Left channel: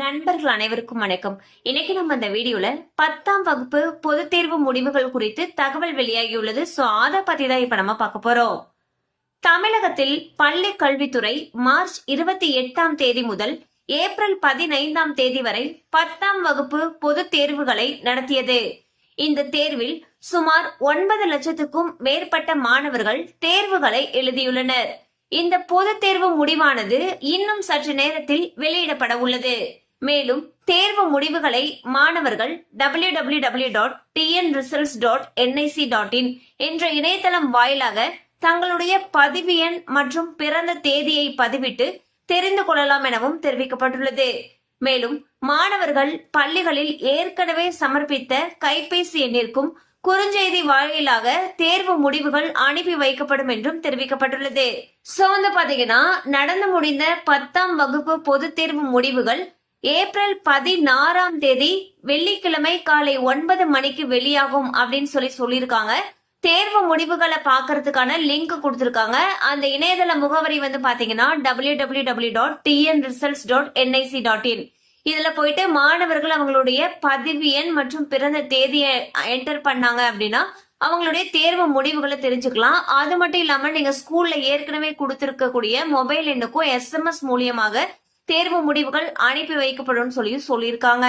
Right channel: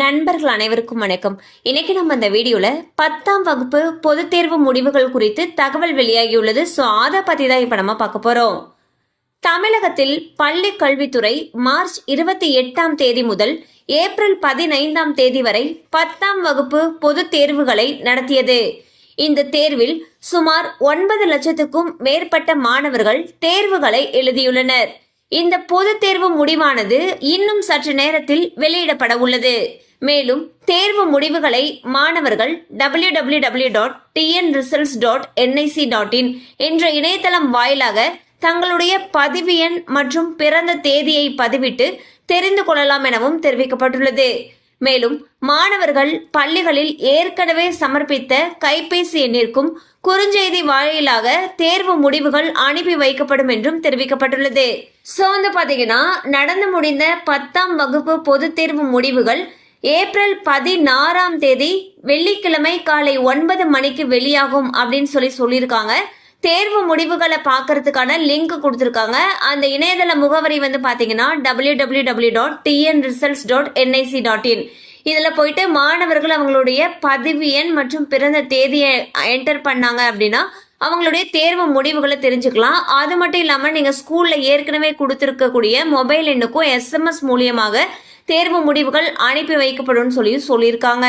நண்பர்கள் அனைவருக்கும் வணக்கம் இன்னைக்கு நம்ம இந்த வீடியோல பத்தாம் வகுப்பு பொது தேர்வு முடிவுகள் குறித்து தகவல் வெளியாகியுள்ளது ஸோ அத பத்தி தான் இப்ப நம்ம பார்க்க போறோம் தமிழகத்தில் பள்ளி கல்வித்துறை மார்ச் இருபத்தி எட்டாம் தேதி முதல் ஏப்ரல் பதினைந்தாம் தேதி வரை பத்தாம் வகுப்பு பொது தேர்வுகளை நடத்தியது இந்த தேர்வில் சுமார் ஒன்பது லட்சத்துக்கும் மேற்பட்ட மாணவர்கள் தேர்வுகளை எழுதியுள்ளனர் இந்த பொதுத் தேர்வு முடிவானது இன்னும் சற்று நேரத்தில் வெளியிடப்பட உள்ளது மேலும் தேர்வு முடிவுகளை மாணவர்கள் W W W dot TN results dot NIC dot in என்ற இணையதளம் வாயிலாக தங்களுடைய பதிவு எண் மற்றும் பிறந்த தேதியை பதிவிட்டு தெரிந்து கொள்ளலாம் எனவும் தெரிவிக்கப்பட்டுள்ளது மேலும் மாணவர்கள் பள்ளிகளில் ஏற்கனவே சமர்ப்பித்த கைபேசி எண்ணிற்கும் குறுஞ்செய்தி வாயிலாக தேர்வு முடிவுகள் அனுப்பி வைக்கப்படும் என்றும் தெரிவிக்கப்பட்டுள்ளது ஸோ வந்து பார்த்தீங்கன்னா நடந்து முடிந்த பத்தாம் வகுப்பு பொது தேர்வு முடிவுகள் ஏப்ரல் பதினாறாம் தேதி வெள்ளிக்கிழமை காலை ஒன்பது மணிக்கு வெளியாகும் அப்படின்னு சொல்லி சொல்லியிருக்காங்க தேர்வு முடிவுகளை பார்க்கறதுக்கான லிங்க் கொடுத்துருக்காங்க அந்த இணையதள முகவரி வந்து பார்த்தீங்கன்னா W W W dot TN results dot NIC dot in இதில் போயிட்டு மாணவர்கள் அவங்களுடைய பதிவு எண் மற்றும் பிறந்த தேதியை என்டர் பண்ணாங்க அப்படின்னா அவங்களுடைய தேர்வு முடிவுகளை தெரிஞ்சுக்கலாம் அது மட்டும் இல்லாமல் நீங்கள் ஸ்கூலில் ஏற்கனவே கொடுத்துருக்கக்கூடிய மொபைல் எண்ணுக்கும் எஸ்எம்எஸ் மூலியமாக தேர்வு முடிவுகள் அனுப்பி வைக்கப்படும் சொல்லி சொல்லியிருக்காங்க